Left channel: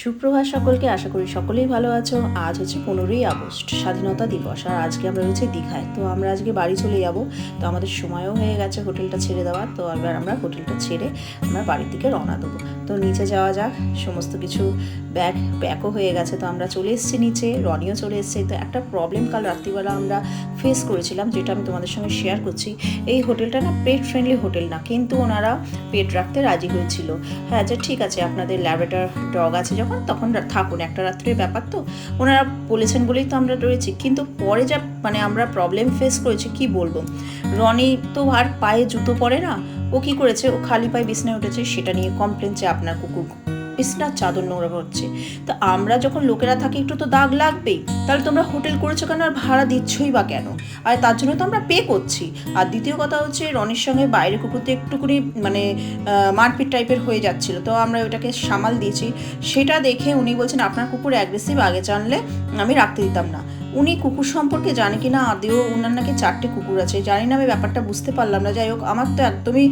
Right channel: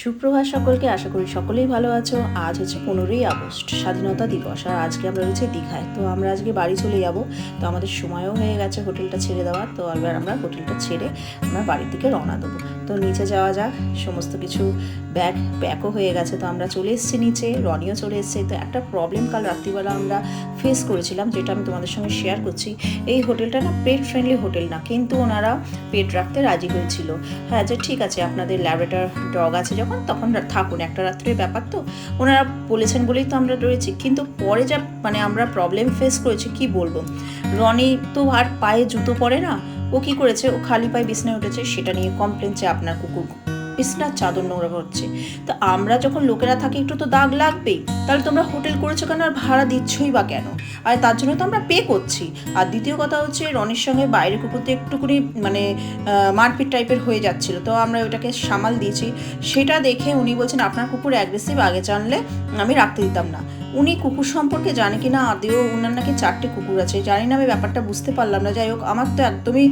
সুপ্রভাত সকলকে, আশা করি সকলেই ভালো আছো। আজ হচ্ছে 15ই আগস্ট, স্বাধীনতা দিবস। আর আজকে আমরা রয়েছে দীঘায়। তো আমরা আজকে বাড়ি চলে যাব। তো আমাদের সময়ও হয়ে গেছে হোটেলটা ছেড়ে দেওয়ার। তো এবার আমরা হোটেলটা ছেড়ে আমরা বাড়ির দিকে রওনা দেবো। তো নিচে যাওয়া যাক। সমস্ত কিছু ব্যাগ প্যাকও হয়ে গেছে। তো আমরা চলে এসেছি নিচে, রনিও চলে এসছে। তো একটা প্রবলেম কাল রাত্রিবেলা আমরা ফেস করেছিলাম, যেটা আমি তোমাদের সঙ্গে শেয়ার করছি। এই হোটেলটা না পেট ফ্রেন্ডলি হোটেল না, কিন্তু ওনারা পেট রাখতে রাজি হয়েছিল। হ্যাঁ, যে ঠিক আছে, আপনাদের ল্যাবরেটর ডগ আছে যখন, তখন থাকুন, একটা রাত্রের ব্যাপার। তো ওনারা বলেছেন বলেই তো আমরা রয়েছি। কিন্তু পরে যা আমরা প্রবলেম ফেস করেছি কি বলবো। রনি তো আর পায়ে জুতো পরে না, ও কি করেছে, ও খালি পায়ে বিছনায় উঠেছে, সেটা নিয়ে কমপ্লেন যে আপনার কুকুর বিছনার চাদর নোংরা করছে। তো আমরা যখন লোকেরা থাকি একটু তো দাগ লাগবেই। তাহলে তোমরা হোটেল করেছো কেন, আর ভাড়া দিচ্ছই বা কেন? আর তার জন্য তো আমরা পে করছি। আর দ্বিতীয় কথা হচ্ছে, রনির সঙ্গে বাইরে কুকুরতে একটুকুনি মারপিট টাইপের হয়ে যাচ্ছিলো। তো আমরা ওটাকে সামাল দিয়েছি। সেটা দেখে উনি বলছেন আপনার কুকুর অ্যাগ্রেসিভ, আগে জানলে আমি রাখতে দিতাম না। উনি কুকুর সম্পর্কে জানে কি না আদেও, ওনার নাকি 4টে কুকুর আছে, জানি না, আমি ব্যাপারটা বুঝতে পারলাম না। যাই হোক, আমার তো একদমই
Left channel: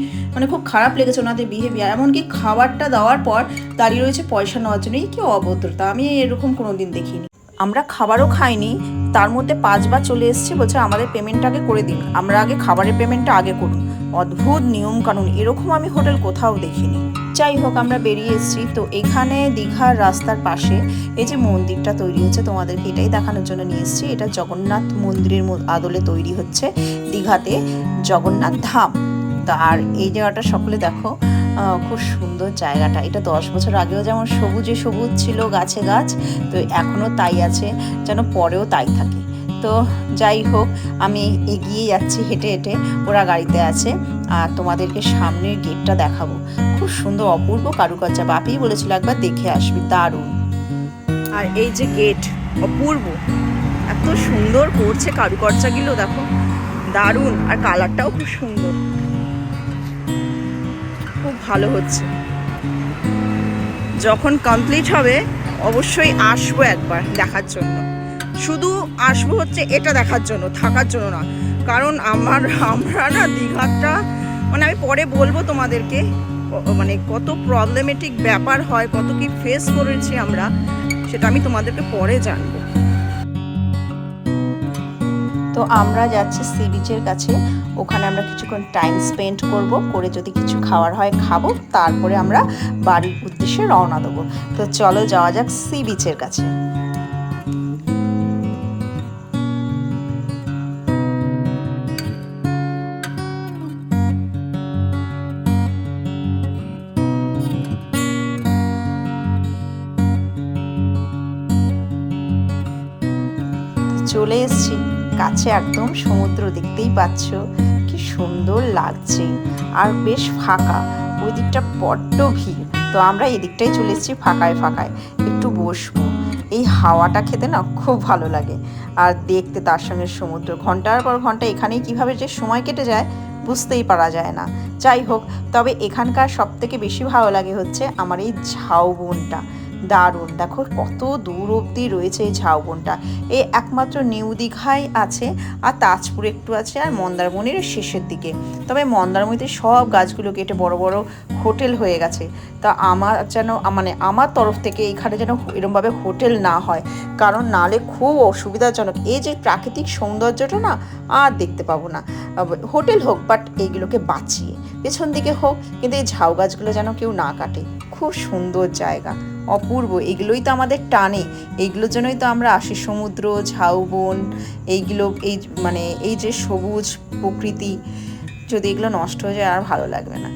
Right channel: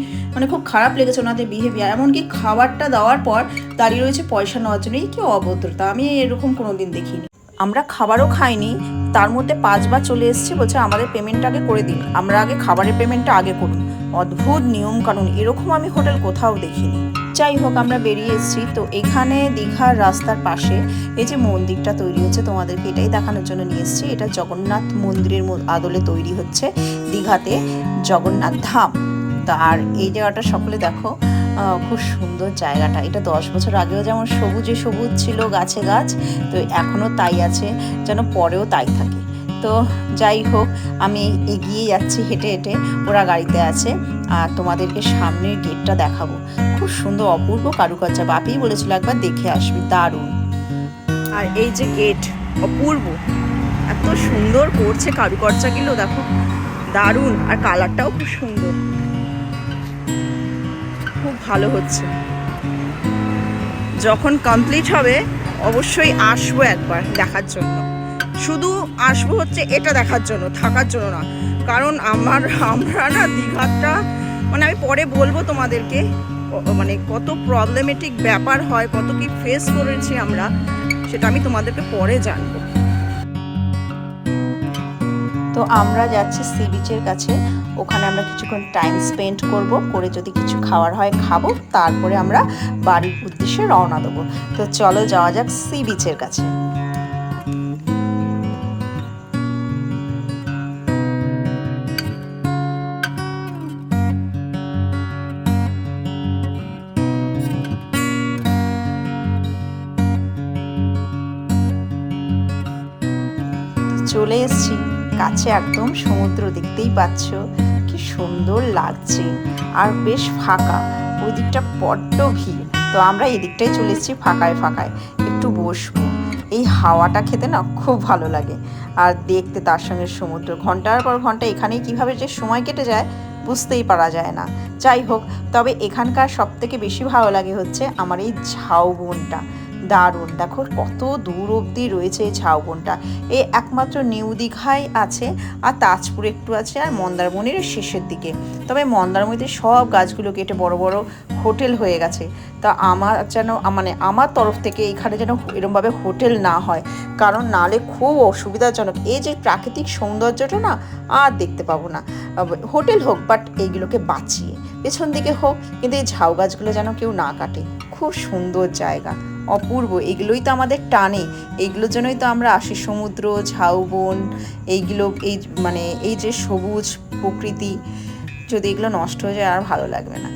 খুব খারাপ লেগেছে ওনাদের বিহেভিয়ার। এমনকি খাবারটা দেওয়ার পর দাঁড়িয়ে রয়েছে পয়সা নেওয়ার জন্য। এই কি অভদ্রতা, আমি এরকম কোনো দিন দেখিনি। আমরা খাবারও খাইনি, তার মধ্যে 5বার চলে এসেছি, বলছে আমাদের পেমেন্ট আগে করে দিন, আমরা আগে খাবারের পেমেন্টটা আগে করুন। অদ্ভুত নিয়মকানুন, এরকম আমি হোটেল কোথাও দেখিনি। যাই হোক, আমরা বেরিয়ে এসেছি। তো এখানে দীঘার রাস্তার পাশে এই যে মন্দিরটা তৈরি হচ্ছে, তোমাদেরকে এটাই দেখানোর জন্য নিয়ে এসেছি। এটা জগন্নাথ মন্দিরের আদলে তৈরি হচ্ছে দীঘাতে, জগন্নাথ ধাম। আর এই জায়গাটা সকলে দেখো, খুব সুন্দর জায়গাটা। এটা 10 বছর আগেও যেমন সবুজে সবুজ ছিল, গাছে গাছ, তো এখনও তাই আছে, যেন পরেও তাই থাকে। তো যাই হোক, আমি এগিয়ে যাচ্ছি হেঁটে হেঁটে, ওরা গাড়িতে আছে। আর তোমাদেরকে সামনের গেটটা দেখাবো, খুব সুন্দর অপূর্ব কারুকার্য। বাপিই বলেছিল একবার দেখে আসবি, দারুণ। আর এই যে গেট, অপূর্ব, এত সুন্দর করছে কারুকার্যগুলো, দেখো দারুণ। আর কালারটাও খুব সুন্দর, খুব ভালো হচ্ছে। যখন কমপ্লিট হবে অবশ্যই আসবো একবার দেখার জন্য। শুধু আসবো হচ্ছে এটা দেখার জন্য, থাকার জন্য না। কারণ আমরা না দীঘাটা আমি পরে বলবো তোমাদেরকে, কত প্রবলেমেটিক ব্যাপার হয়, কত কি ফেস করেছি আমরা, সেটা আমি তোমাদেরকে পরে জানবো। তো আমরা যাচ্ছি সি বিচের কাছে, ওখানে আমরা কিছুক্ষণ টাইম স্পেন্ড করে যদি কিছু খাওয়ার হয় খাবো, তারপরে আমরা বাড়ির উদ্দেশ্যে রওনা দেবো। তো চলো যাওয়া যাক সি বিচের কাছে। চলে এসেছি কাছে একদম, সমুদ্র দেখতেই পাচ্ছ কি সুন্দর লাগছে। আর বেশ ফাঁকা, ওই দিকটা বড্ড ভিড়। তো আমরা এদিকটাই চলে এসেছি ফাঁকায় ফাঁকায়, একটু বসবো। এই হাওয়াটা খেতে না খুব ভালো লাগে, আর দেখতে তার সঙ্গে সমুদ্র। ঘন্টার পর ঘন্টা এখানেই কীভাবে যে সময় কেটে যায় বুঝতেই পারা যায় না। যাই হোক, তবে এখানকার সবথেকে বেশি ভালো লাগে হচ্ছে আমার এই ঝাউবনটা, দারুণ। দেখো কত দূর অবধি রয়েছে এই ঝাউবনটা। এই একমাত্র নিউ দীঘায় আছে, আর তাজপুরে একটু আছে, আর মন্দারমণির শেষের দিকে। তবে মন্দারমণিতে সব গাছগুলো কেটে বড় বড় হোটেল হয়ে গেছে। তা আমার যেন আমার তরফ থেকে এখানে যেন এরমভাবে হোটেল না হয়, কারণ নালে খুব অসুবিধাজনক। এই যে প্রাকৃতিক সৌন্দর্যটা না আর দেখতে পাবো না। হোটেল হোক, বাট এইগুলোকে বাঁচিয়ে পেছন দিকে হোক, কিন্তু এই ঝাউ গাছগুলো যেন কেউ না কাটে। খুব সুন্দর জায়গা, অপূর্ব। এগুলোই তো আমাদের টানে, এইগুলোর জন্যই তো আমরা আসি। সমুদ্র, ঝাউবন, এইগুলো এই যে সবুজ প্রকৃতি, যদি এগুলো নষ্ট হয়ে যায় আর ভালো লাগবে না।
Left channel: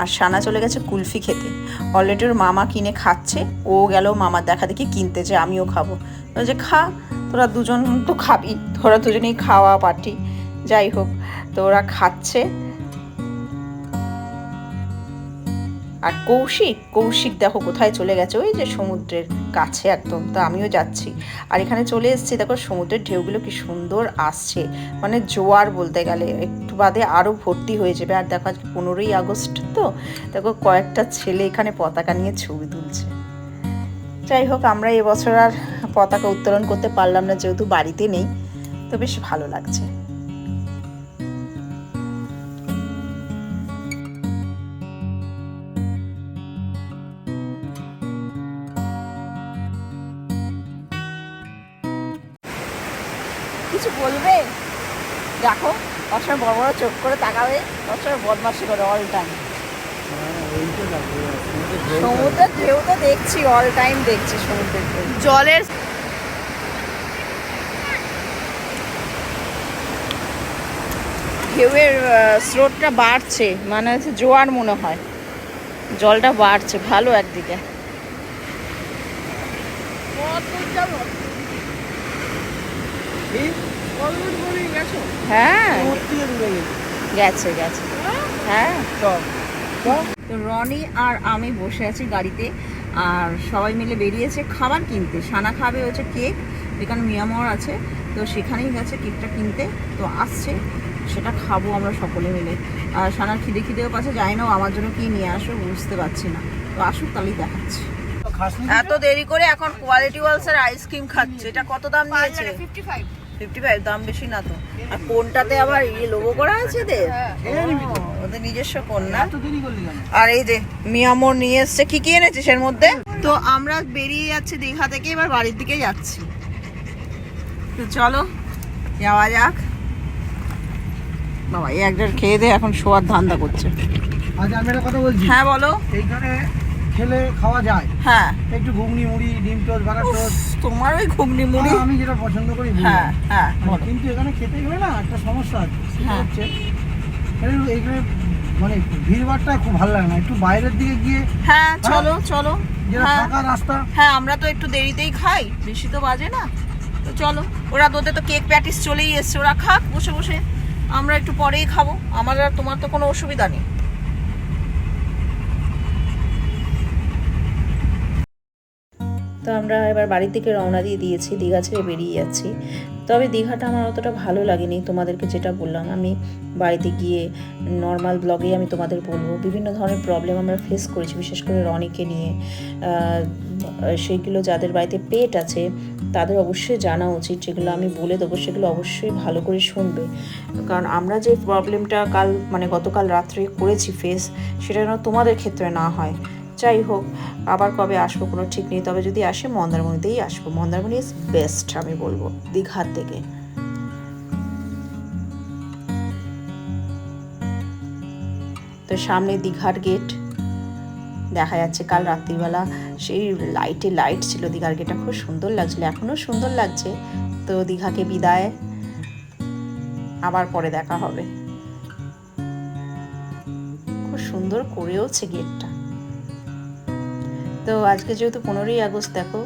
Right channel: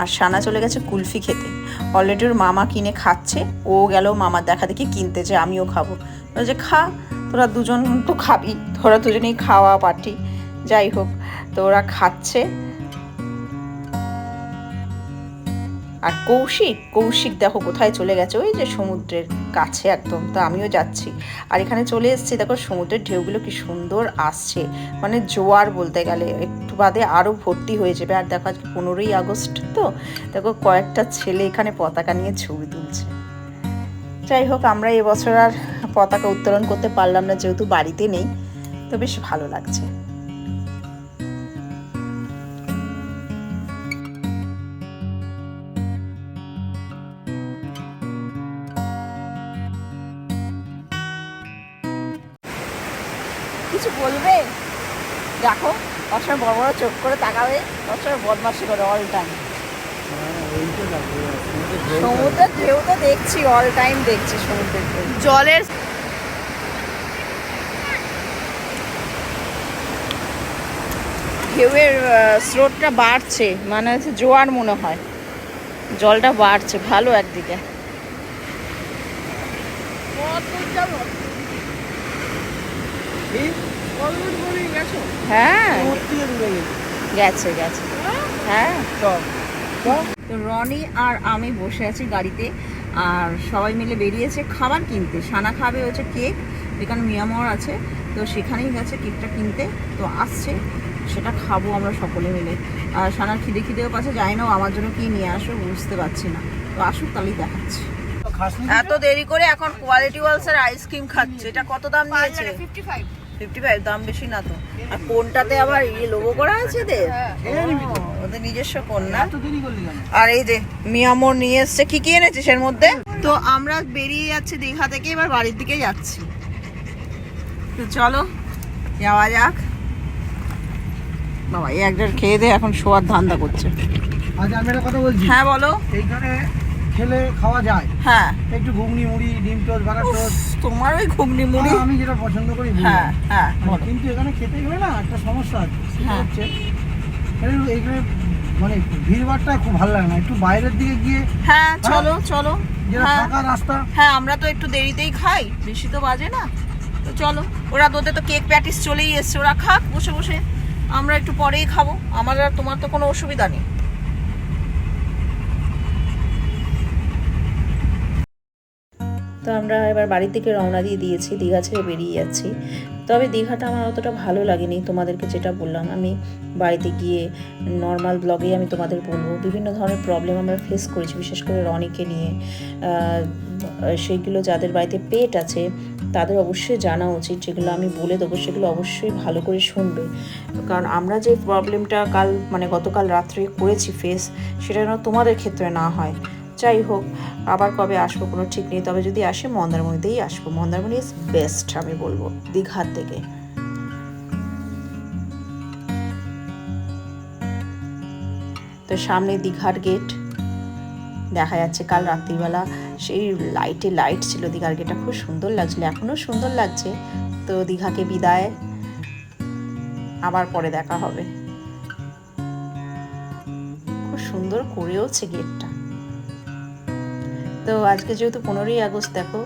আর সানা চলে গেছে কুলফি খেতে। অলরেডি ওর মামা কিনে খাচ্ছে, ও গেল মামার দেখা দেখি কিনতে, যে আমিও খাবো। যে খা, তোরা দুজন তো খাবি, তোরা দুজনেই খাওয়া পার্টি। যাই হোক, তো ওরা খাচ্ছে। আর কৌশিক দেখো কোথায় চলে গেছে, ওই যে সমুদ্রের কাছে একদম। তো আমিও যাচ্ছি, আর এখানে চলে এসেছি। দেখো সমুদ্রের ঢেউগুলো কি সুন্দর আসছে, জোয়ার বলতে গেলে। একটু বাদে আরও ভর্তি হয়ে যাবে। আর দেখো আজকে 15ই আগস্ট, তো দেখো কয়েকটা ছেলে এখানে পতাকা নিয়ে ছবি তুলছে। যাই হোক, আমরা এবছর আর পতাকা উত্তোলন করতে পারলাম না, যেহেতু বাড়িতে নেই। তো বেশ ভালো লাগছে। কিছু বলবে? দেখো অসর বড় বড় চোখ করে তাকাবে, অসর বদমাশি করে অল টাইম। সমুদ্রের ঢেউ তো দেখছি, অল টাইম দেখছি সমুদ্রের ঢেউ। জলের ঢেউয়ের স্রোতটা বাড়ছে, মানে হচ্ছে জোয়ার মনে হয়, জলটা বাড়ছে ভালো একদিকে। হ্যাঁ গেছে গেছে, হ্যাঁ। তো রনি আর আমি বসে আছি গাড়িতে, আর সবাই মিলে বেরিয়েছে খাবার কিনতে। সানা খাবে হচ্ছে কেক, এখানে মিয়ামর আছে, তো সেখানেই গেছে কেকটা কিনতে। তো আসছে, সেটা খাবো আমরা সকলে মিলে। আর সানার খিদেও পাচ্ছে, যাই না আমার জন্য কি নিয়ে আসো বুঝতে পারছি না। তো আসুক তাহলেই দেখাচ্ছি। এত দেরি করে এখন কোয়ালিটি ওয়ালসের আইসক্রিম খাচ্ছে। এটা কত দাম নিয়েছে? 55। দাম বেশি না তো। আর কোনটাতে আবার লোগো করা আছে এদের, ওদের নিজস্ব কোন না। আর এই যে মিয়ামোর নিয়ে এসছে। কি কি এনেছিস এর মধ্যে? তো আমরা বেরিয়ে যাচ্ছি দীঘা থেকে, এবার বাড়ির দিকে যাচ্ছি। তো চলো যাওয়া যাক। বাবা এই একজন খেয়ে দে এখন শোয়ার ধান্দা করছে। আচ্ছা আমি একটা কথা বলছি। হ্যাঁ বলো। এইখানে খেলে খাওয়া যায়, হ্যাঁ একটু ঘুগনি মুড়ি, ডিম টোস্ট, বাটার টোস্ট। তোমার ওই ঘুগনি মুড়ি আমি যেটা পছন্দ করি। হ্যাঁ হ্যাঁ, কিন্তু এখানে খেতে গেলে না একটা সমস্যা আছে, সেটা হচ্ছে এইখানে মানে ভিড়ভাড়টা খুব ভালো লাগে না। একটু বাইরের দিকে গিয়ে। হ্যাঁ চলো চলো, যেটা ফাঁকা রাস্তা। হ্যাঁ আমরা তো একটু দেরিতেই খাই, বেশি তো বাজে না। তো চলো, ওরা তোদের তো কেক প্যাটিস চলেই এসছে, ওরা খাক বসে বসে, আমরা একটু পরেই খাবো। আমার আর তোমার তো কোনো অসুবিধা নেই। তো আমরা এবার বাড়ির দিকে রওনা দিয়ে দিয়েছি, দীঘা ছেড়ে বেরিয়ে যাচ্ছি। তবে দীঘাটা আমার অতটা ভালো লাগেনি, তোমাদেরকে যেটা বললাম। আমি বাড়িতে গিয়ে নর্মাল ব্লগেই আমি তোমাদের বলবো বিভিন্ন ধরনের প্রবলেম আমরা ফেস করেছি, বিশেষ করে রনিকে নিয়ে। সেইগুলো যাদের বাড়িতে পেট আছে তাদের অবশ্যই জানা উচিত, যেগুলো আমি বলে দেবো সেগুলো অবশ্যই ভালো করে শুনবে। কারণ আমরা যে প্রবলেমটা গতকাল রাত্রে করেছি ফেস, সেটা যেন তোমাদের ক্ষেত্রে না হয়। যাই হোক, আবার কবে আসবো কোনো ঠিক নেই। তবে যদি আসে মন্দারমণিতেই আসবো। মন্দারমণি ইজ বেস্ট আমি বলবো দীঘার থেকে। তো সামনে দীঘার গেট দেখা যাচ্ছে। কাল রাত্রিবেলা সেই লাইট ছিল দীঘার গেটটা, খুব সুন্দর লাগছিল, এখনও সুন্দর লাগছে। তো দীঘাকে বিদায়, আবার পরে দেখা হবে। খুব সুন্দর করেওছে গেটটা। তো আজকে যেহেতু 15ই আগস্ট, দেখো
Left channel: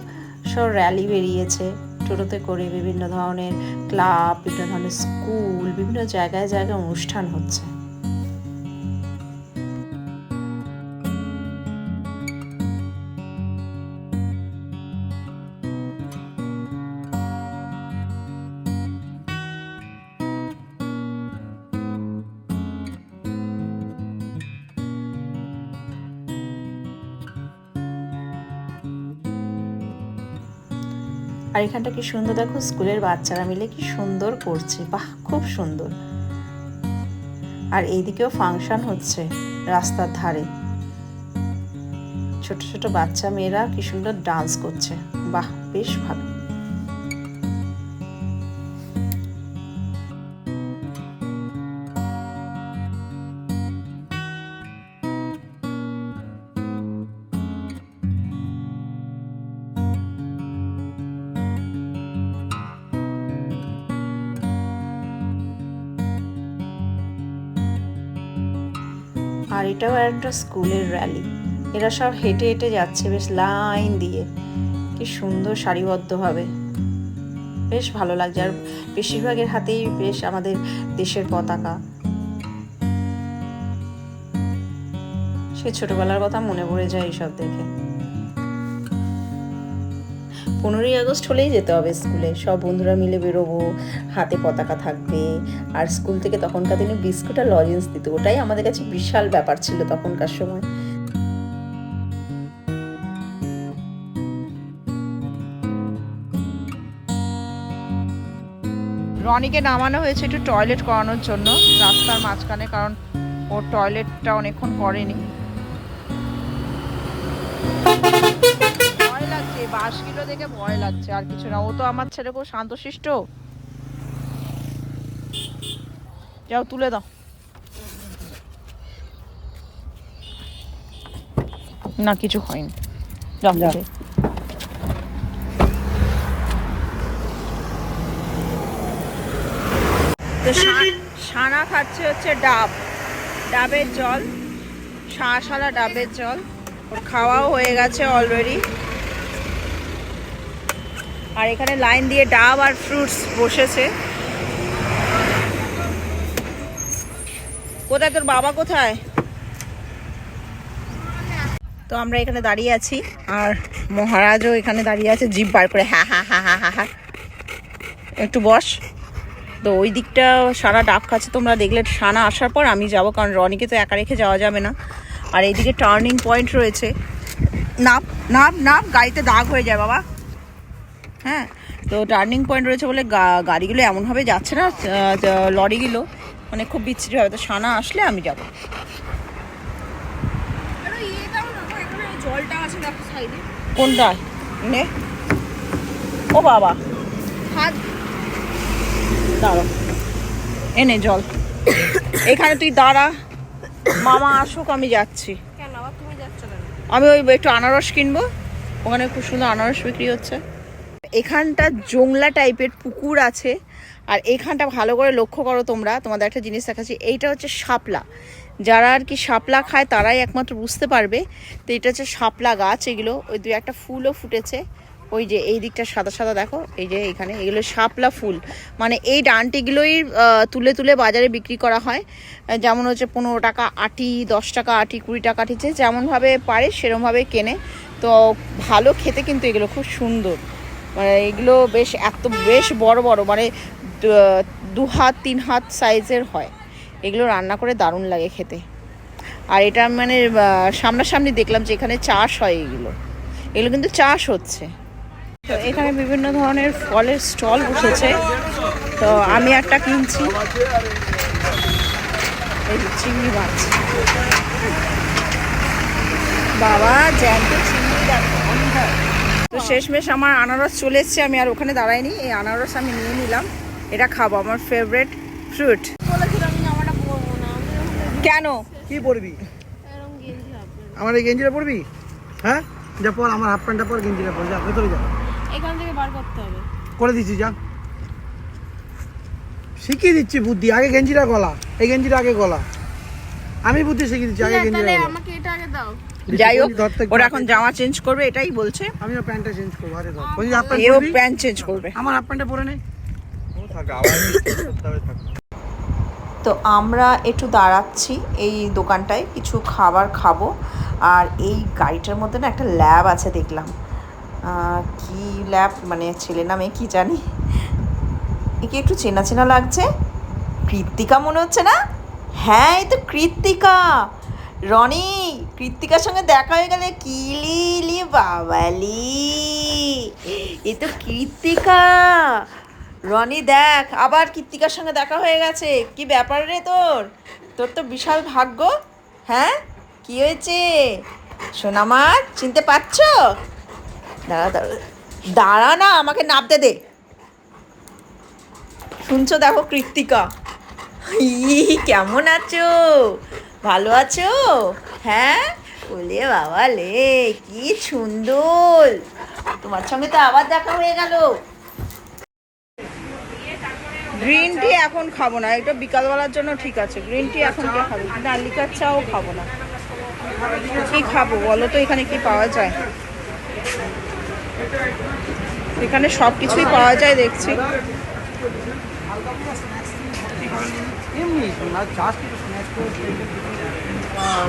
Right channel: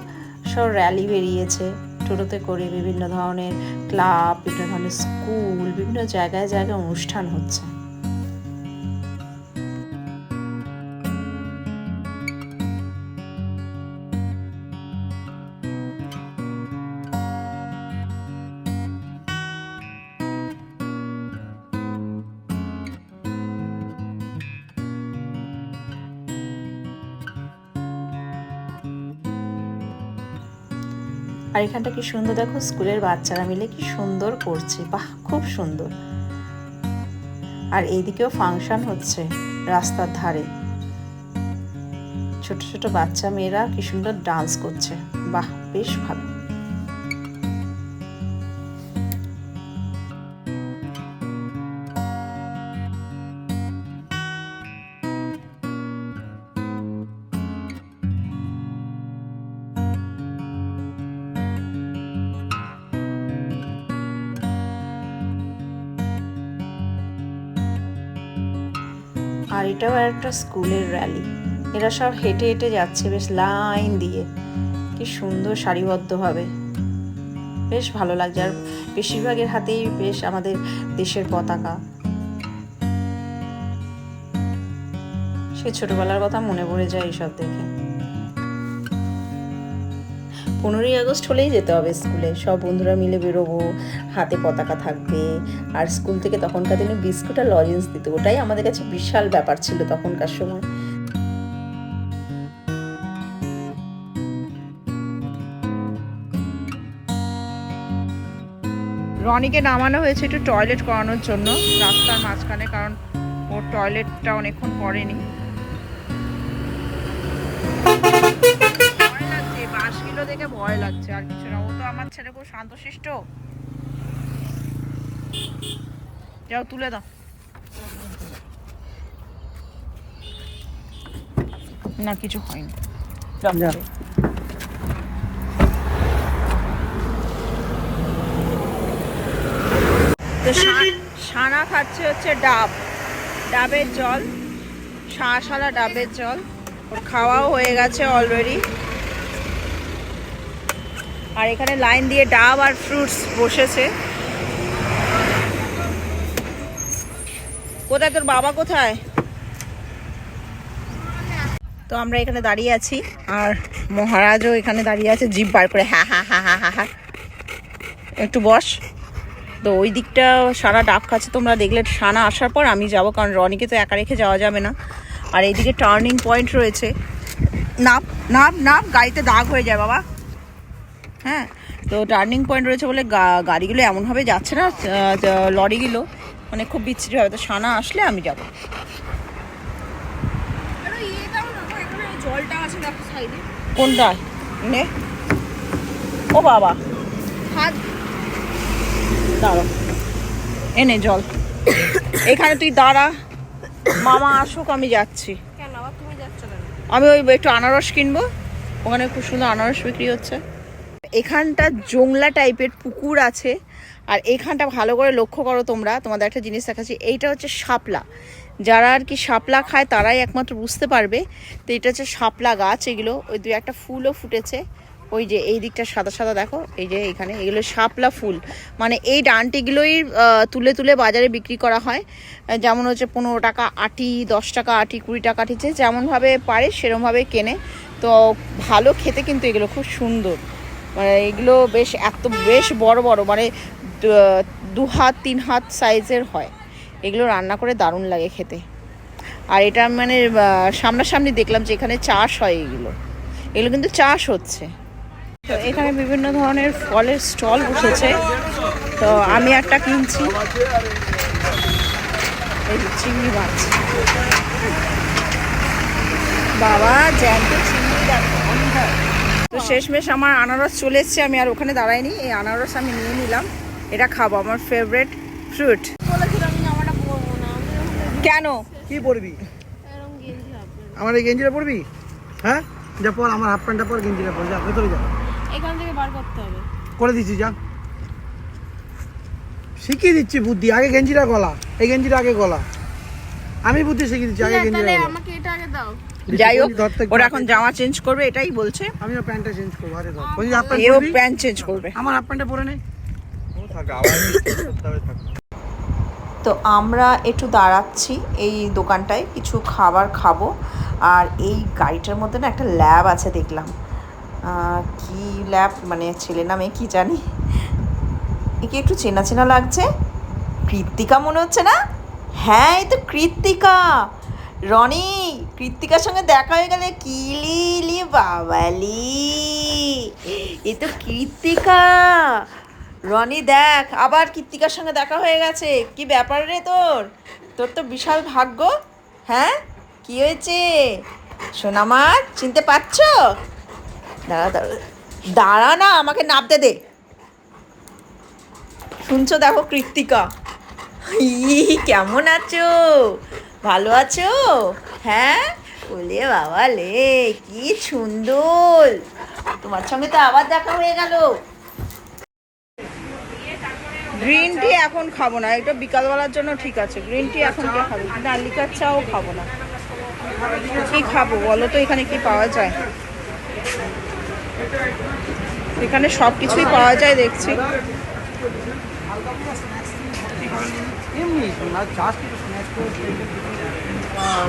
সব র্যালি বেরিয়েছে টোটোতে করে, বিভিন্ন ধরনের ক্লাব, বিভিন্ন ধরনের স্কুল, বিভিন্ন জায়গায় জায়গায় অনুষ্ঠান হচ্ছে। আর এখানটা কি সুন্দর, দেখো স্কুলের বাচ্চারা মিলে কি সুন্দর করছে, বাহ খুব সুন্দর। আর এইদিকেও ফাংশন হচ্ছে রাস্তার ধারে, ছোট ছোট বাচ্চা মেয়েরা কি সুন্দর ডান্স করছে, বাহ বেশ ভালো। আর এটাও একটা স্কুলের র্যালি, এরা সব হেঁটে হেঁটে যাচ্ছে বেশ লাইন দিয়ে, কি সুন্দর সারিবদ্ধভাবে, বেশ ভালো লাগছে। আর বেশিরভাগের হাতেই বেশ আমাদের দেশের পতাকা। সে ছোটবেলার কথা মনে পড়ে যায় এইসব দেখে। 15ই আগস্ট হলেই যেতে হবে স্কুলে, সব বন্ধুরা মিলে বেরোবো, হাতে পতাকা থাকবে। আর স্কুল থেকে তখনকার দিনে বিস্কুট আর লজেন্স দিত, ওটাই আমাদের কাছে বিশাল ব্যাপার ছিল তখনকার সময়। রনিকে নামানো হয়েছে একটু টয়লেট করানোর জন্য রাস্তার মাঝখানে, কারণ ওর টয়লেটটা অনেকক্ষণ করেনি। ভয় লাগছে, বাসগুলো দেখে ভয় লাগছে, আর কিছু না। ও তো আমার ছেলে খুব শান্তশিষ্ট। যাও তুলে দাও। না কিছু হয়নি। যা। তো সানা খাচ্ছে হচ্ছে ডাবের জল, শাঁসালা ডাবের জল। ওর খাওয়াও হয়ে গেছে অলরেডি। আর এখানে লাইন দিয়ে ডাব আর ফ্রুটস বসেছে। কোথায় তোর বাবা, কোথায়? তো আমরা এখানে দাঁড়িয়ে আছি, আর মহারাজও এখানে দাঁড়িয়ে আছে জিভ বার করে, হ্যাঁ হ্যাঁ হ্যাঁ হ্যাঁ হ্যাঁ হ্যাঁ। একটু বস। তো ওই দিকটা সারা ডাব খাচ্ছে, তোমরা দেখলে। সানা আসার পর আমি যাব, কারণ রনিকে তো একা রেখে যাওয়া যাবে না। আর এইদিকে টার্নিং পয়েন্ট রয়েছে। নাপ নাপ নাপ, গাড়িতে দাগ হয়ে যায় বাবা। হ্যাঁ, তো টার্নিং পয়েন্ট রয়েছে বলে গাড়িগুলো এমনভাবে যাচ্ছে না, লরিগুলো মানে খুব বিচ্ছিরি হবে। তো সানা আসলে আমি যাব। জলটা আছে দেখো সাইডে। কোনটায়? নে। ও বাবা, হাত দাঁড়া, এনে জল। এখানে তুই দাঁড়া, মামা আসুক, আমি যাচ্ছি। আমি ওই একটু আনারস কিনবো, ওখানে খুব সুন্দর আনারস বিক্রি হচ্ছে। এখানটা জংলা টাইপের পুকুর আছে, আর এখানটা ভালো করে লক্ষ্য করো তোমরা, তোমাদের একটা জিনিস দেখাচ্ছি। এইটা হচ্ছে শাপলা। যারা আর কি শাপলা খায় তারাই একমাত্র বুঝতে পারবে। তো এটা হচ্ছে শাপলা গাছ। এগুলো ওই দু একটা ফুলও ফুটেছে, ওই যে এই দিকটা সাদা সাদা দেখো, এই যে এখানে এগুলো শাপলা ফুল। মানে এই ডান্টিগুলোই তুলে তুলে বাজারে বিক্রি করা হয়। যেমন হচ্ছে 15 টাকা আটি, 10 টাকা আটি, 20 টাকা আটিছে, যেমনভাবে পারে সেরমভাবে কেনে। তো ভালো খেতে, কিন্তু এগুলো খুব সুন্দর। মানে এগুলো বেশ বড় বড়, মানে 2 হাত 3 হাত সাইজের হয়। এগুলো রান্না করে দারুণ লাগে খেতে। আর এটা মানে সামনাসামনি দেখলাম যে এখানে চাষ হয়। এগুলো কিন্তু চাষ হচ্ছে। তো এখানে বিভিন্ন ধরনের ফলের স্টল বসেছে। তো আমি একটা কিনছি, এই চিংড়ি মাছ। বাবা জ্যান্ত চিংড়ি দেখো। তো শেষমেশ আমার আনারস চলে এসছে, আমি আর ওখানে দাঁড়াইনি। এই আনারস আমি নিয়ে নিলাম, এটা খাবো, আমার ফেভারিট ফ্রুট। কেন? কি পরবি? আমার এই গেঞ্জিটা পরবি? হ্যাঁ, যা পর, আমার হাফ প্যান্টটা পর, গেঞ্জিটা পর, যা ভেতরে যা। এখান থেকে বার করতে হবে। করে দিচ্ছি, যা। শিখিয়ে দিচ্ছি বুদ্ধি। আগে গেঞ্জিটা গলা, এই গেঞ্জিটা আগে গলা। আমি বুদ্ধি শিখিয়ে দিচ্ছি, আগে গেঞ্জিটা গলা। আমাকে এটা আগে দাও। যাই হোক, ওরা এখন জামা চেঞ্জ করবে, এটাই বলছে। আমিও প্যান্টটা চেঞ্জ করবো। আরে ধর, ওই হাফ এও প্যান্ট, প্যান্ট চেঞ্জ করবে। আমার হাফ প্যান্টটা পরে নেই। তো আমরা একটু দাঁড়াচ্ছি এই দোকানটায়, কিছু খাবার খাবো। আর এই গাড়িটার মধ্যে না একটা ল্যাব আছে দেখলাম। কি ল্যাব, মানে ছেলে নামে কি জানি। একে একটু চেনা চেনা লাগছে। কৃত্তিকা মনে হচ্ছে না? হ্যাঁ, এই তো কৃত্তিকা। রনি, কৃত্তিকার সঙ্গে দেখা হয়ে গেলে কিলি বাবালি, এ তো কৃত্তিকা। রনি দেখ, আবার কৃত্তিকার সঙ্গে দেখা হয়ে গেছে। কি ব্যাপার রে তোর? তোর তো বিশাল ভাগ্য। হ্যাঁ, কি হয়েছে সোনামার? চিনতে পারছো? দাঁড়া দাঁড়া দাঁড়া না, আমাকে নাপতে দে। শুনছো? দেখো কৃত্তিকা। কেমন আছো? ভালো আছো? হ্যাঁ, বলে বাবা লে, কি সুন্দর। তোমার সঙ্গে তো আবার দেখা হয়ে গেল। গ্রিন টি এখন খাবো না, এটা বিকালবেলার জন্য ঠিক আছে। গ্রিন টি এখন কে খাবে? না, লিকার চাও খাবো না। কি খাবো বলো তো? এখানে কি পাওয়া যায়? এখানে সব কিছুই পাওয়া যায় দেখছি। এমনি চাষ কিছু স্ন্যাক্স করে,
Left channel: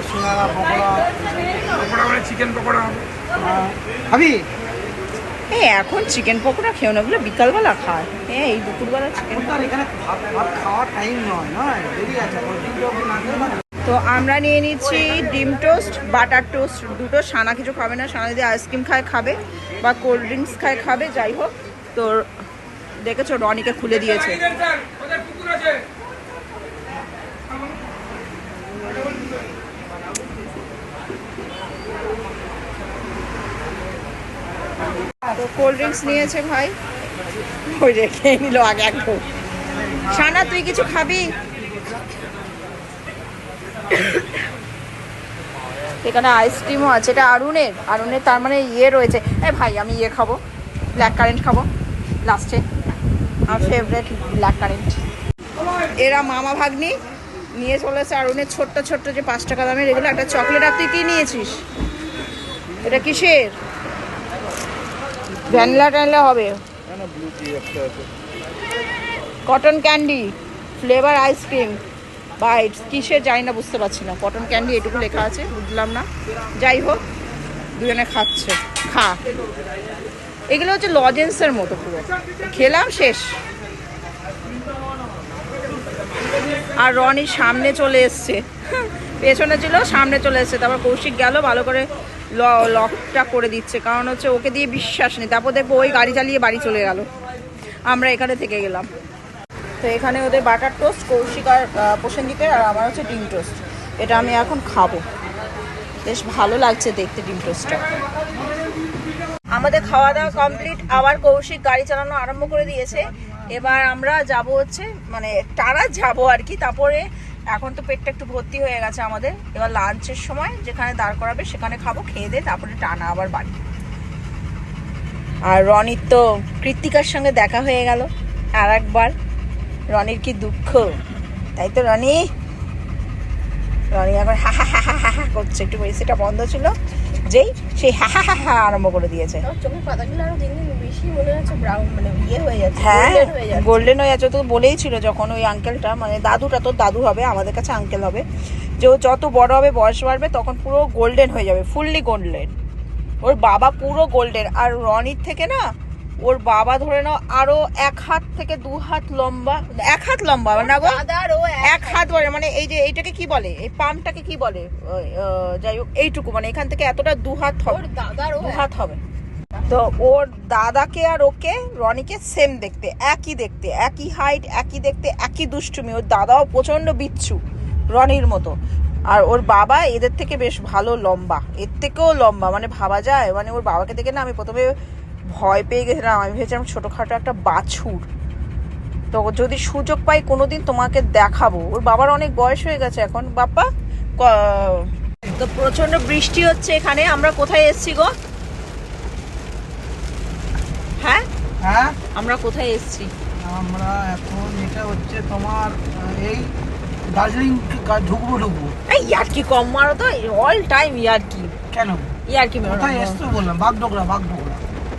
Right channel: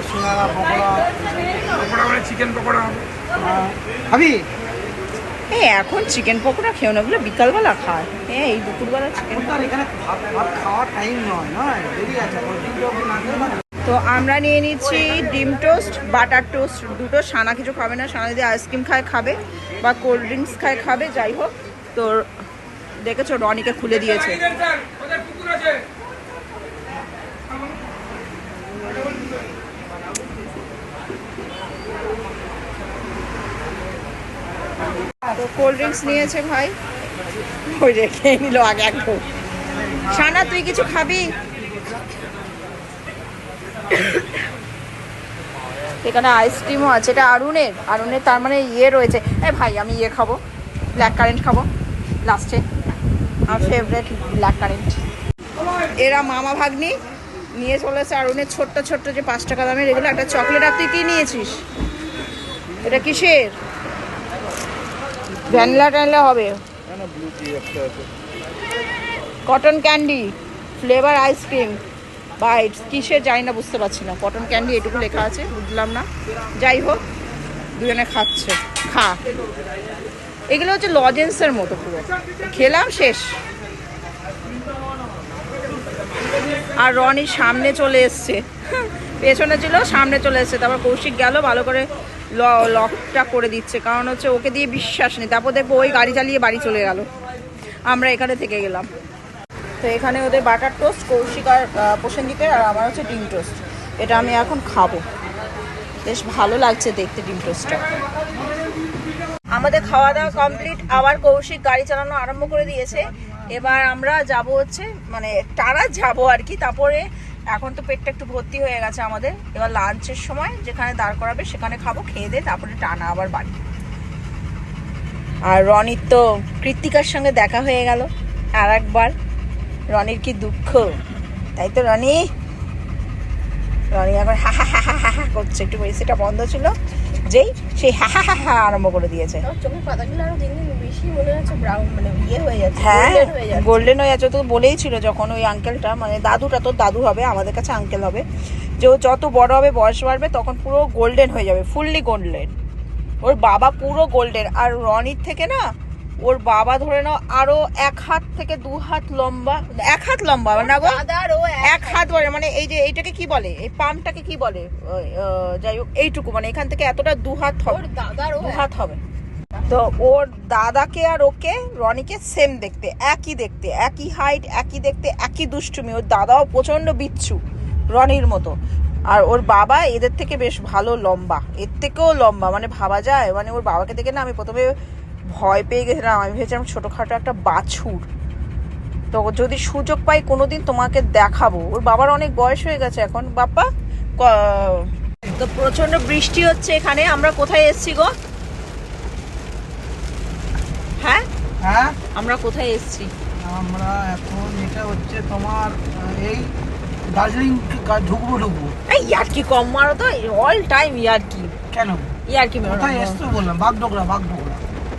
সিঙ্গারা, পকোড়া, চিকেন পকোড়া খাবি? এখন চিকেন পকোড়া খেও না, বলে বিকালবেলা খায়। এই দুপুরবেলা চিকেন। এখানে ভাত খাওয়ার টাইম নয়, দেরি আছে। তো আমরা নিয়ে নিচ্ছি ডিম টোস্ট, বাটার টোস্ট দুটো। সানা কিছু খাবে না, সানা যদি আইসক্রিম খায় খাবে, বা কোল্ড ড্রিঙ্কস খায় খাবে, যাই হোক। তো দেখেছো রনিকে খুলে দিয়েছে। তো কোল্ড ড্রিঙ্কস নিয়েছে ভাই, ওই রেখে নিল আগে এক ঢোক। সানা তুই কিছু খাবি? এখানে আইসক্রিমও আছে, এটা আরুণের, তার মানে ইয়ে রয়েছে। এ ভাই আমি ইয়ে খাবো, ব্ল্যাক কারেন্ট খাবো লাস্টে, আমার ফেভারিট ব্ল্যাক কারেন্ট। এরা মামা ভাগ্নি নিয়ে চলেছে আরুণের ছোট্ট ছোট্ট যে 5 টাকা দামের এগুলো একটা চকলেট। আর তুই কি নিয়েছিস? এটা কিসের? ভ্যানিলা ট্যানিলা হবে, cotton candy flavour ice cream bites কিসের জানি না, বুঝতে পারছি না। কটন ক্যান্ডি এটুকু লেখা আছে, বুঝলাম না। যাই হোক, দুজনে খাচ্ছে। খা, এগুলো হচ্ছে লজেন্সের মতো, পুরো খেলাম শেষ। আর রনি সামনে চলে এসছে, পেছনে ছিল সামনে চলে এসছে। তারপর কৌশিক গেল ভালো করে লকটা করে দিচ্ছে, কারণ হচ্ছে ওকে দিয়ে বিশ্বাস নেই। তারপর দেখবো ওই গাড়ি চালিয়ে বাড়ি চলে গেল, আমরা এখানে থেকে গেলাম। তো এখানে ওদের বাটার টোস্ট, কৌশিক আর প্রসেনজিতের, আর আমার হচ্ছে ডিম টোস্ট। এটা আমি এখন খাবো, বেশ ভালো লাগছে দেখতে ডিম টোস্টটা। আমাদের খাওয়া দাওয়া কমপ্লিট, আবার কৌশিক গাড়ি চালানো আরম্ভ করে দিয়েছে। এবার আমরা যাব হচ্ছে মানে টানা যাব আর কি। তারপরে এখন তো পেটটা একটু ভর্তি হয়ে গেছে আমাদের, এবার লাঞ্চের সময় যেখানে দাঁড় করাবে সেখানে খাবো, খেয়ে দিয়ে তারপরে টানা আবার বাড়ি। আর রনির তো কৃত্তিকার সঙ্গে দেখা হয়ে গেল আর একবার। রনির কি দুঃখ, তাই তো রনি এখন হা হা হা হা হা করছে। একটু এসিটা বন্ধ ছিল, যেই সেই হা হা হা হা আরম্ভ করে দিয়েছে। চোখের পাতাগুলো আরো দিন দিন বেশি মনে হচ্ছে ব্রাউন, মানে ইয়ে হয়ে যাচ্ছে, হ্যাঁ গোল্ডেন গোল্ডেন হয়ে যাচ্ছে। হয়ে যাচ্ছে। তো বলেই ছিল যখন ওই আঙ্কেলটা, মানে দাদুটা, তোর দাদু হবে, আমাদের কাছে আঙ্কেল হবে, যে ও যত বড় হবে বয়স বাড়বে তখন পুরো গোল্ডেন হয়ে যাবে, ফুললি গোল্ডেন। ওর বাবা পুরো গোল্ডেন। আর রনির থেকে না ওর বাবা ধরে নাও আরো 1 হাত থেকে 2 হাত লম্বা, 1 হাত লম্বা না গো, দাদারও 1 হাত বলে, মানে এই যে এইটাকে কি বলে, এই পামটাকে কি বলে, যাই হোক এইটুকু, মানে এখান থেকে এতটা 2 হাত হবে, ওর দাদারও 2 হাত হবে। তো ওর দাদাকে আর ওকে রনিকে সেম দেখতে, একই দেখতে, একই হাইট, একই দেখতে, একই দুষ্টুমি। ওর দাদাও প্রচন্ড বিচ্ছু রনির মতো, আর ওর বাবা এদের থেকে বেশ ভালো লম্বা, এর থেকেও লম্বা, মানে ভাবা যায়। মানে ওর বাবাকে দেখে না আমি প্রথমে ভয় পেয়ে গেছিলাম, আমি ভেবেছিলাম ছোটোখাটো একটা বাছুর। তো যদি সুযোগ পাই কোনোদিন তোমাকে দেখাবো। ওর বাবার অনেক বয়স হয়ে গেছে এখন। বাপ্পা তো প্রচন্ড বৃষ্টি হচ্ছে এখানে। আমরা কোথায় এসছি গো? হ্যাঁ হ্যাঁ, আমরা কোথায় এসছি? আমরা এখন এটা হচ্ছে তোমার এই দার্জিলিং ঢুকবো। এই ইয়ার্কি কম মারো তো, অল টাইম ইয়ার্কি। কেন ইয়ার্কি মারো, কোথায় এসছো বললাম? বাগডোগরা।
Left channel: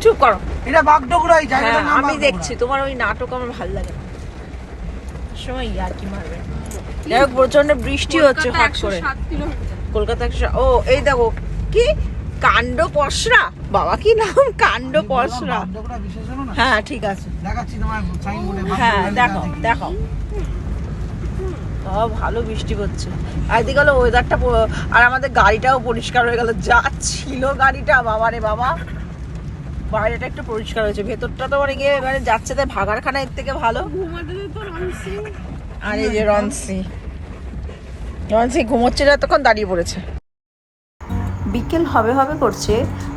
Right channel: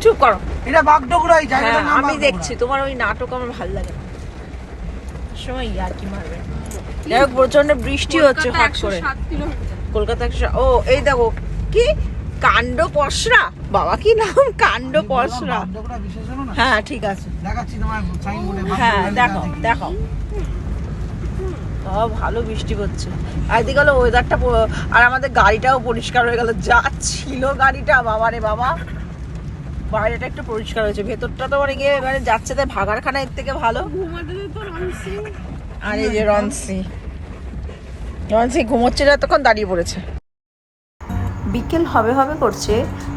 চুপ করো। এটা বাগডোগরা, এই জায়গাটার হ্যাঁ নাম আমি বাগডোগরা। দেখছি, তোমার ওই নাটক আমার ভালো লাগে না, সময় ইয়ার্কি মারবে। যাই হোক প্রচন্ড বৃষ্টি হচ্ছে হট করে। 7 কিলোমিটার কলকাতা ও এই দেখো কি কাণ্ড পসরা, বাবা কি নাম, কাণ্ড পসরা। বাগডোগরা বিশেষ হলো না। হ্যাঁ ঠিক আছে, দেখাচ্ছি তোমার সাইনবোর্ডে। হ্যাঁ দেখো। ভালো বৃষ্টি পড়ছে, আর এদিকে হলো ওয়েদারটা, আর আমাদের গাড়িটাও পরিষ্কার হয়ে গেল। যা ছিল গাড়িটা, বাবা রে বাবা, বাইরেটা একটু পরিষ্কার হয়েছে, ভেতরটা তো মানে গিয়ে মানে যাচ্ছে তাই ভাগারখানা এর থেকে ভালো। ঘুমাতে তো রনসি, আর এই যে রনসি ঘুমোচ্ছে, এতক্ষণ দাঁড়িয়ে পড়েছে। বিকেল হবে হবে করছে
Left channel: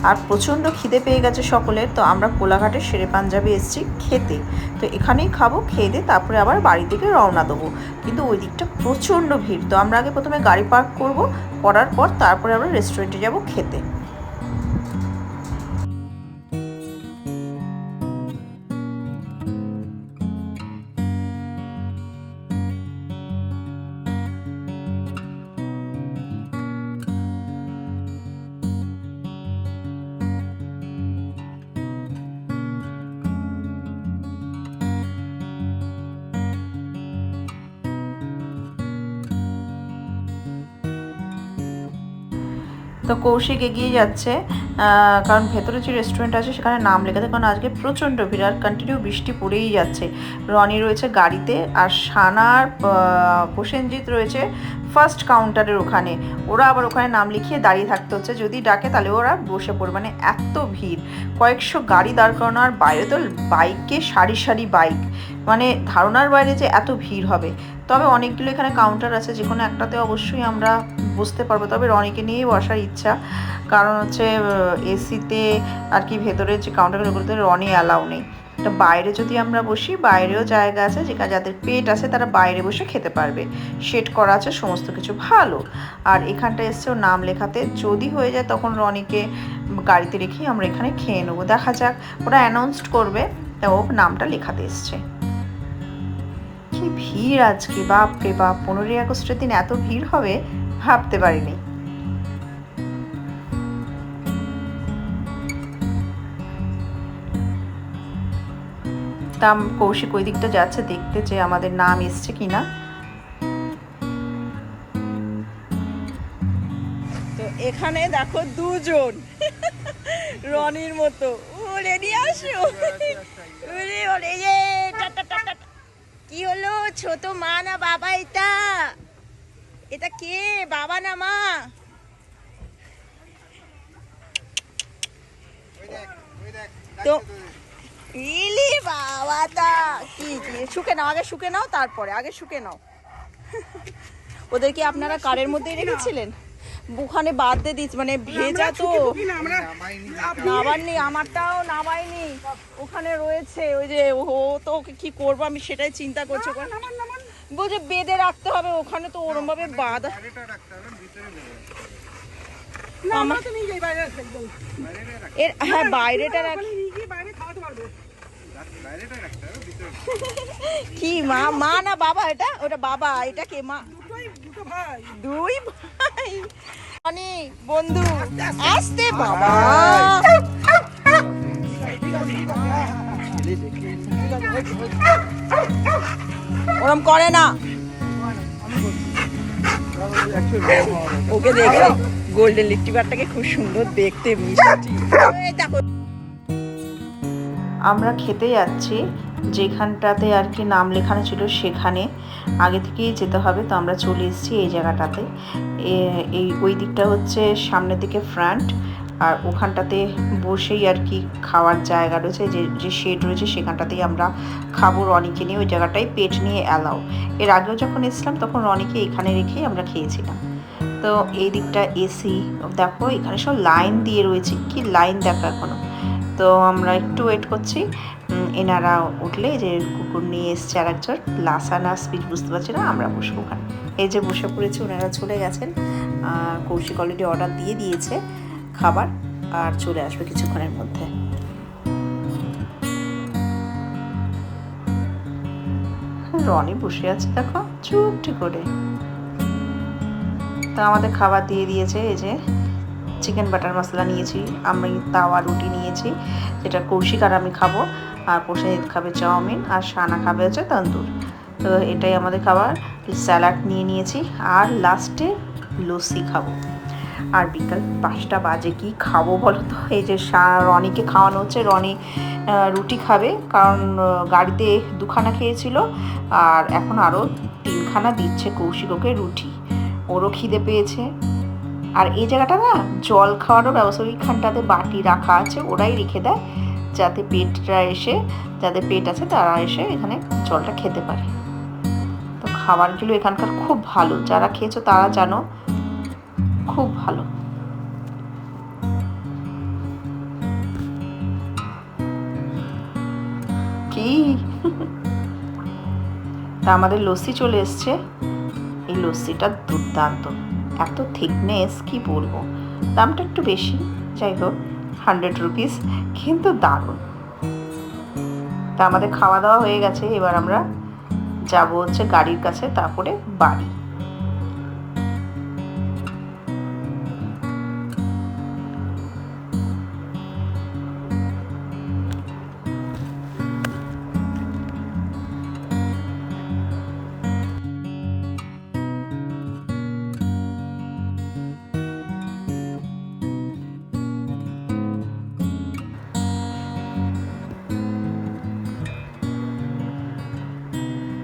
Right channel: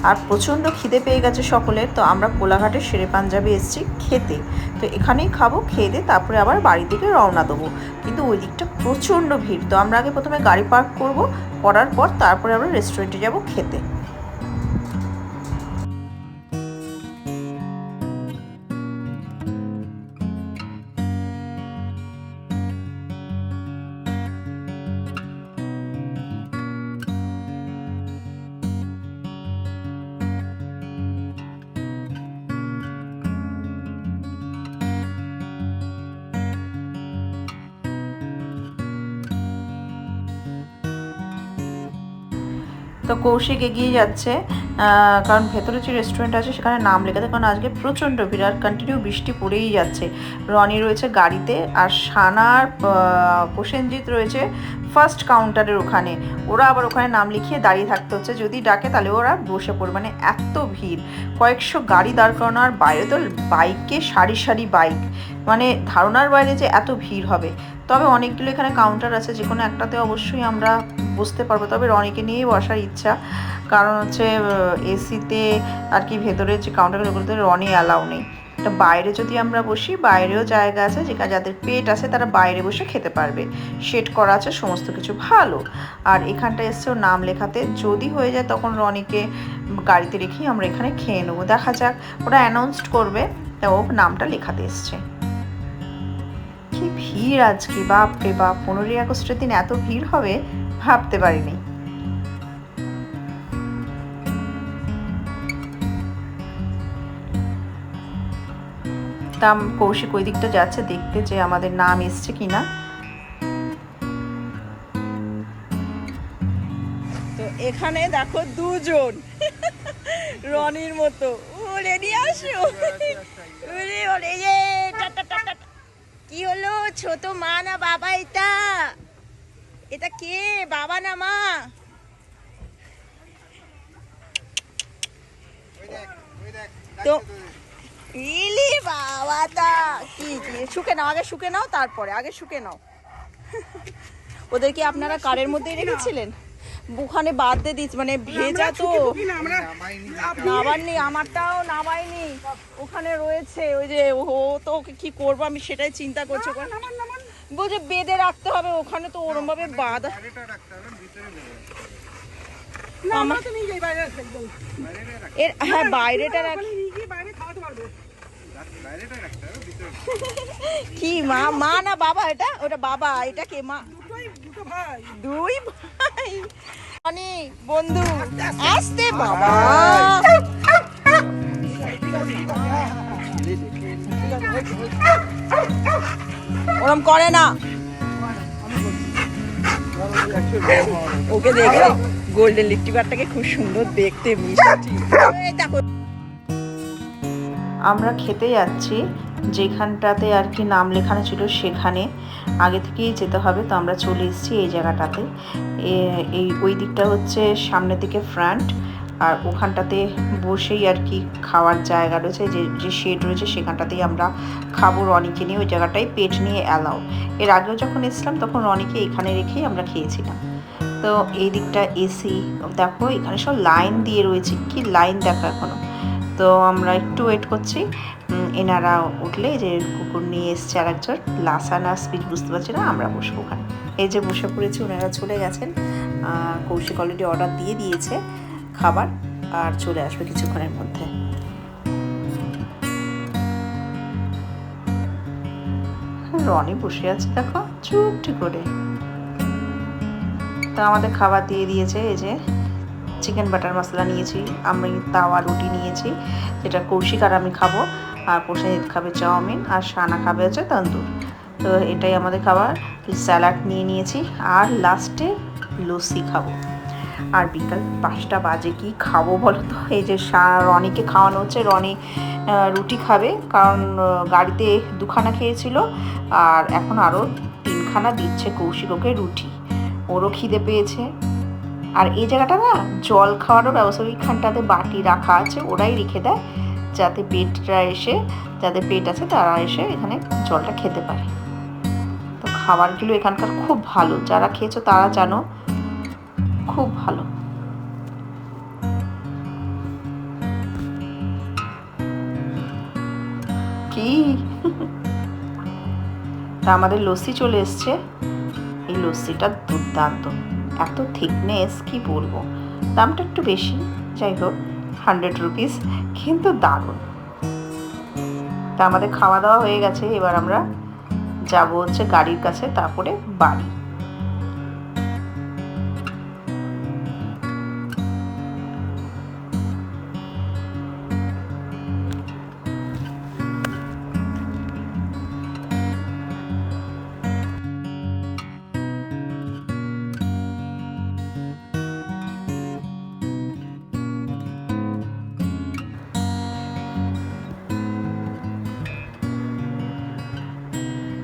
আর প্রচণ্ড খিদে পেয়ে গেছে সকলের। তো আমরা কোলাঘাটের শেরে পাঞ্জাবি এসেছি খেতে, তো এখানেই খাবো, খেয়ে দিয়ে তারপরে আবার বাড়ির দিকে রওনা দেবো। কিন্তু ওই দিকটা প্রচণ্ড ভিড়, তো আমরা আগে প্রথমে গাড়ি পার্ক করব, করার পর তারপরে আমরা রেস্টুরেন্টে যাব খেতে। তো কৌশিক এগিয়ে যাচ্ছে, কারণ ভেতরে যে রেস্টুরেন্ট আছে সেখানে নাম লেখাতে, কারণ আজকে প্রচণ্ড ভিড় আর কন্টিনিউ বৃষ্টি পড়েই যাচ্ছে। রনি রয়েছে গাড়িতে আর সানার প্রসেনজিৎ রয়েছে ফার্স্ট কাউন্টারের ওখানে। ওরা আবার ওখানে নাম লিখিয়ে দাঁড়িয়ে থাকতে হচ্ছে, যদি ডাকে তাহলে ওরা বসে পড়বে, মানে এত ভিড়। কয়েকশো গাড়ি দাঁড় করানো, আর বাইরে তো বাইকে সারি সারি বাইক, মানে ধারণার বাইরে যে এত ভিড় হবে। তবে অনেকগুলো এখানে কাউন্টার আছে, যে কোনো একটাতে অবশ্যই আমরা বসতে পারবো। তবে রনিকে নিয়েই বসার ইচ্ছা, কারণ হচ্ছে এসিতে আর কি ভেতরের যে কাউন্টারগুলোতে রনি অ্যালাউ নেই। তো বাইরে যদি আমরা বসি, বাইরেও জায়গা আছে, যেখানে যাদের পেট আছে তারা বাইরে বসে খেতে পারবে, সেট করা আছে সমস্ত কিছু ভালো। আর এখানটা এসছে ওর নাম লেখাতে, যদি হয়ে যায় তখন রনিকে গাড়িতে রেখেই আমরা এখানে খেয়ে নেবো। দেখা যাক, ওরা অ্যানাউন্সড করবে, তা ও নামটা লেখাতে এসছে। কি ভিড় আজকে, বাপ রে বাপ! 15ই আগস্টের দিন এত ভিড় হবে ভাবতে পারিনি। তা কৌশিক ওই দিকটা যাচ্ছে দেখতে যে আমাদের নাম এসছে কিনা। তো এখানে দেখো দুজন রনির মতো ওরে নিয়ে আসো। ওরে ওরে এ টাটা টাটা। কি হলো, ছোট মা না বাবা? এটা এটা কে, বাবা না মা? তো ইলি বাবাটা কি কি শুকে নাও, আগে শুকে নাও, তারপরে আগে শুকে নাও। ওদের কি আপনারা কারের মধ্যেই রেখেছিলেন? ওখানে বাদ দিয়ে দিচ্ছি, মানে ভেজা তো নামাননি, আমারটাও নামাইনি, ওখানে রয়েছে। ওই যে ও তো ওকে কি করবো আমি সেটাই চিন্তা করছি। বলছে বেঁধে রাখতে হবে, ওখানে তো ওরম ভাবে বাঁধা। হ্যাঁ বাইরেটা রাখি। কি মা, মা না বাবা? এটা ওটা বাবা, এটা কে মা? দুই ভাই অনেক বন্ধু আসতে বাবা। ওরম করে না, ওকে দেখে গোল্ডেন লিটিবারটাকে খুব সুন্দর দেখতে, মিষ্টি। দেখো আমরা খেতে যাচ্ছি যেখানটাতে আর কি নাম লেখানো ছিল, সেখানে আগে থেকেই যেতে হবে। তো আমরা চলে এসেছি এই জায়গাটাতে। এই ওই দিকটা হচ্ছে সামনের দিকে ফ্রন্ট, আর ওখানটাতে বসেই আর কি খাওয়ার জায়গা রয়েছে, যে শেড রয়েছে সেখানটাতেই আমরা খাবো রনিকে নিয়ে। ওই জায়গাটায় পেট নিয়ে অ্যালাউ। এর আগেও যখন এসেছিলাম তখন রনিকে এখানে রেখেই আমরা খেয়েছিলাম। তো এই দিকটা এসি, দেখো এখানে সব লাইন দিয়ে রয়েছে, কি লাইন দেখো এখনো। তো আমরা একটু ওয়েট করছি, এনারা উঠলে, যে কুকুর নিয়ে এসছে আর একজন, লাসানা স্পিচ বুঝতে পারছি না, আমরা বসবো ওখানে। এই যে বসে পড়েছি, ওনারা চলে গেছেন। কৌশিক অলরেডি অর্ডার দিয়ে দিয়েছে খাবার, আর চলে আসবে কিছুক্ষণের মধ্যে। রনি বসে আছে দেখো চুপটি করে। তো আমাদের খাবার দিয়ে দিয়েছে, এই যে চিকেন বাটার মশলা নিয়েছি, আমি তাওয়া রুটি নিয়েছি, যেটা কৌশিক আর আমি খাবো, আর প্রসেনজিৎ খাবে চাউমিন, আর সানা খাবে হচ্ছে তন্দুর। তো এটাই আমাদের খাবার। স্যালাড নিয়ে নিয়েছি, আর লাস্টে লস্যি খাবো। আর বিকাল 5টা বাজে, কি খাবো বলো তো? এই যে রনিকে খাওয়ানো হচ্ছে, রনি রুটি খাবে, কারণ গাড়িতে 2খানা খেয়েছিল, আর এখন আরও 3খানা দিচ্ছে কৌশিক ওকে রুটি। ওরও খিদে পেয়েছে। আর এই জায়গাটা না জল খাওয়ারও ব্যবস্থা, ওইখানটাতে বাটি রাখা আছে, ওরাই রেখে দেয়, যাতে পেটরা এসে, যাদের পেট আছে তারা এসে এখানে জলটা খেতে পারে। তো খাবারগুলো এখানকার খুব ভালো, যারা খেয়েছো তারা জানো, খুব ভালো। কি তা আমাদের লস্যি চলে এসছে। এই লস্যিটা দুর্দান্ত, এত থিকনেস কি বলবো। দামটা একটু বেশি, যাই হোক 100 রুপিস, কিন্তু দারুণ। তা আমাদের খাওয়া দাওয়া হয়ে গেছে, এবার আমরা যাব হচ্ছে গাড়ির কাছে, তারপরে বাড়ি।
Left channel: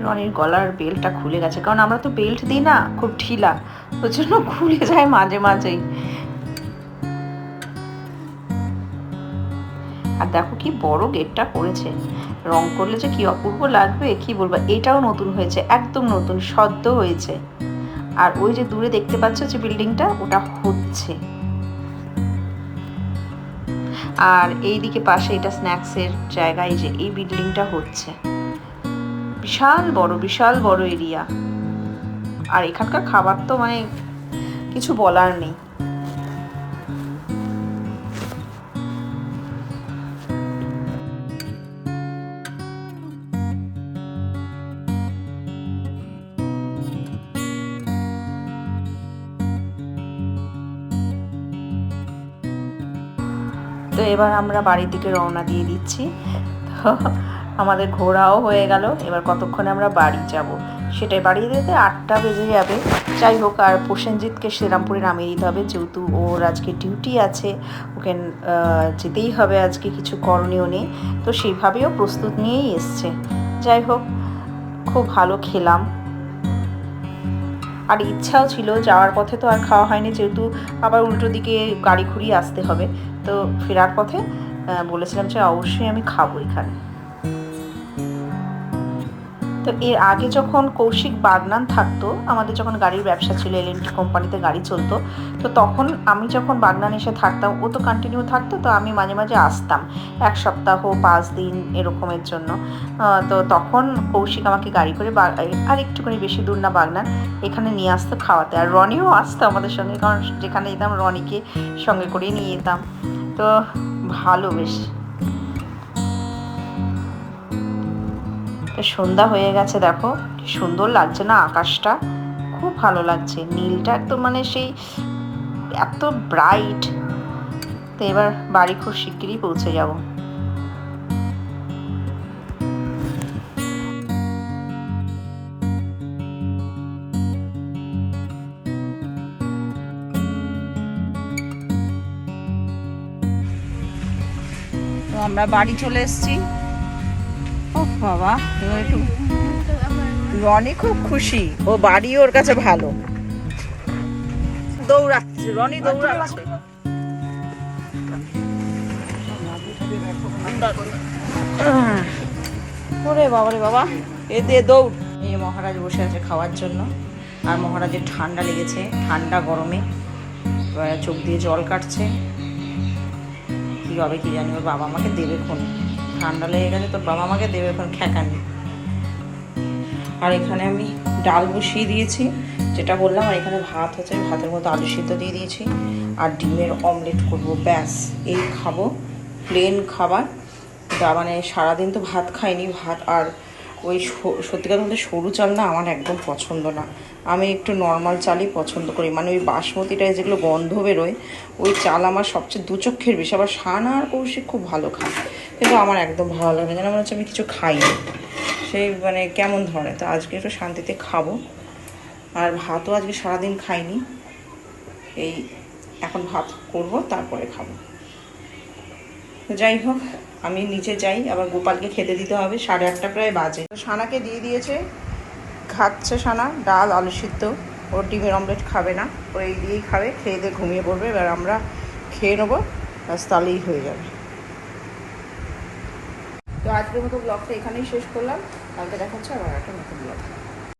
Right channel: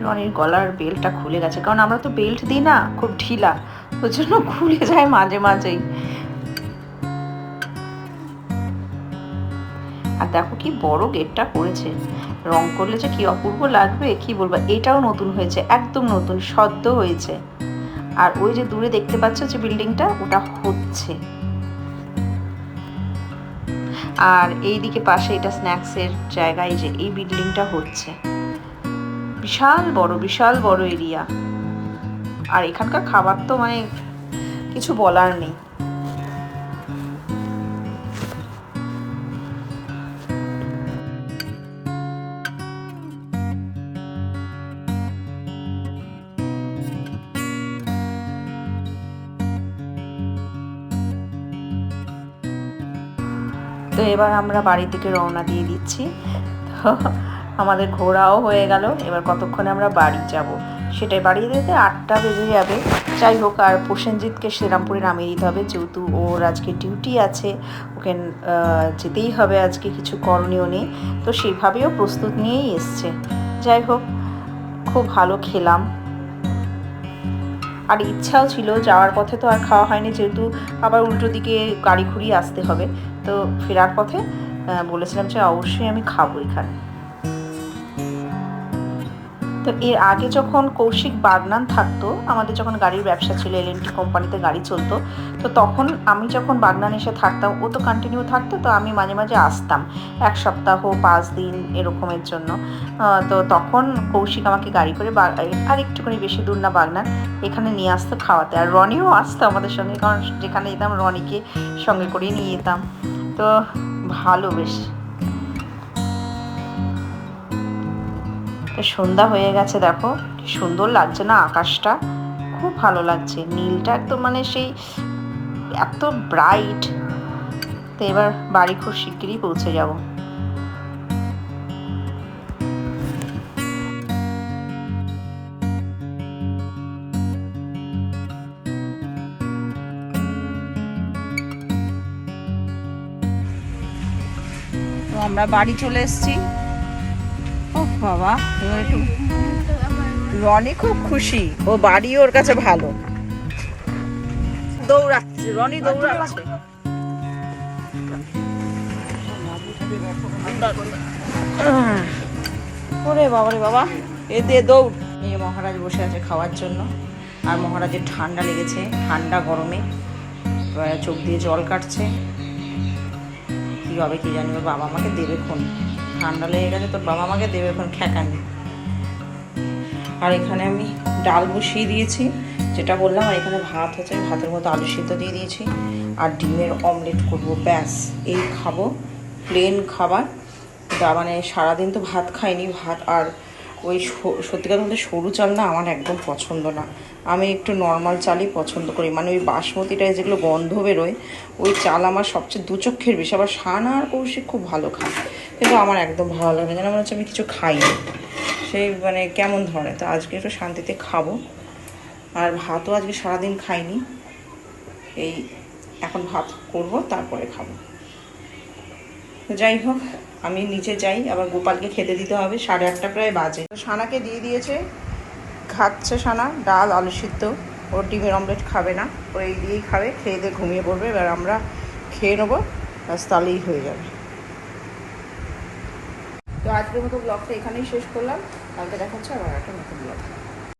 রনির গলার বেল্টটা খুলে গেছে, কারণ আমরা তো বেল্ট দিই না, খুব ঢিলা, ওই জন্য খুলে যায় মাঝে মাঝেই। আর দেখো কি বড় গেটটা করেছে, রং করলে যে কি অপূর্ব লাগবে কি বলবো। এটাও নতুন হয়েছে, একদম নতুন সদ্য হয়েছে। আর ওই যে দূরে দেখতে পাচ্ছ যে বিল্ডিংটা, ওটা হচ্ছে। আর এই দিকে পাশে এটা স্ন্যাক্সের জায়গায়, যে এই বিল্ডিংটা হচ্ছে। বিশাল বড় এরিয়া। আর এখানকার খাবার তো মানে কিছু বলার নেই। তো এবার আমরা বাড়ির দিকে রওনা দিয়ে দিচ্ছি। তো আমাদের ঘোরাও হয়ে গেল, এবার কতক্ষণে আমরা বাড়ি যাব সেটাই। বাড়ি যেতে 8টা বেজে যাবে। যাই হোক, আর প্রসেনজিৎকে শ্রীরামপুরে নামিয়ে দিতে হবে, যেহেতু ওর আজকে ডিউটি আছে, ওকে যেতেই হবে আজকে, কিছু করণীয় নেই। তো সেইভাবেও প্রস্তুত নিয়েই এসছে। যাই হোক, খুব ভালো খেলাম। আর ইচ্ছাও ছিল যাওয়ার পথে, তো আর খাওয়া হয়নি, যেহেতু আবার উল্টো দিকে গাড়ি ঘুরিয়ে আসতে হবে। তো ফেরার পথে বলেছিলাম যে অবশ্যই আমি খাবো এখানে। তো এর আগে যখন কৌশিক বাগনান থাকতো, আমাদের যখন গাড়ির ব্যবসা ছিল, L&T কোম্পানিতে গাড়ি চলতো, তো তখন আমি যখন বাগনান এসে থাকতাম, ও তো কন্টিনিউ থাকতো, তো আমি মাঝে মাঝে আসতাম 1 সপ্তাহ 5 দিন এরকমের জন্য। তো তখন কৌশিক আমাকে গাড়ি করে আর একটুখানি বেশি দূর না বাগনান, এখানে নিয়ে আসতো খাওয়াতে। আর রনিও আসতো আমাদের সঙ্গে, কারণ যেখানে যেতাম রনিকে সঙ্গে করে নিয়ে যেতাম। তো ভালো বেশ। তো সন্ধ্যা হয়ে গেছে, দেখো কি সুন্দর লাগছে না আকাশটা, খুব ভালো লাগছে। নীলটা একদম মানে সেই এত ব্রাইট। তো এবার বাড়ি খুব শিগগিরই পৌঁছে যাব। তো আমরা বাড়ি চলে এসেছি। ও বাবা, এবার একটু রনি খুব খুশি, ও বাড়ি ওর কাছে ভালো। দৌড়াচ্ছে রনি, দৌড়াচ্ছে। ওরে বাবা রে বাবা, এ দে দৌড়। এই মহারাজ বসে আছে খাওয়ার জন্য, আর মহারাজের ঠান্ডা লেগেছে, ঠান্ডা গরমে চোখ দিয়ে জল কাটছে। কী হবে কি জানি, ওর বাবা আমাকে দেবে খন, ঠান্ডা লেগে গেছে, তোর বাবা আমাকে দেবে খন খ্যাকানি। আর এখানে আমি ডাল বসিয়ে দিয়েছি, যেটা বললাম। আর এখানে ভাত হচ্ছে, ভাতের মধ্যে আলু সিদ্ধ দিয়ে দিয়েছি, আর ডিমের অমলেট করবো, ব্যাস এই খাবো, প্লেন খাবার। মানে সারাদিন তো ভাত খাইনি, ভাত আর ওই সত্যি কথা বলতে সরু চাল না আমার একদম পছন্দ না। আমি একটু নর্মাল চালই পছন্দ করি, মানে ওই বাসমতিটায় যেগুলো গন্ধ বেরোয়, ওই চাল আমার সবচেয়ে দু চক্ষের বেশি। আবার সানা আর কৌশিক খুব ভালো খায়, কিন্তু আমার একদম ভালো লাগে না, যেন মনে হচ্ছে আমি কিছু খাইনি, সেই মানে কেমন ধরনের। তো আজকে একটু শান্তিতে খাবো। আর ভাতও আজকে সারাদিন খাইনি, এই এখন ভাত করব, তারপরে খাবো। তো যাই হোক, আমি নিচে যাই, আবার গোপালকে খেতে দিতে হবে, 8:30 প্রায় বাজে। তো সানাকে দিয়ে দিয়েছে, খাচ্ছে সানা ডাল আলু সিদ্ধ, ওর ডিমের অমলেট খাবে না, ও এই দিয়েই খাবে, খেয়ে দিয়ে ঘুমিয়ে পড়বে। এবার আমরা খেয়ে নেবো, ব্যাস তাহলেই হয়ে যাবে। তো আজকের মতো ব্লগটা এখানেই শেষ করলাম, কালকে দেখা হচ্ছে আবার একটা নতুন ব্লগ।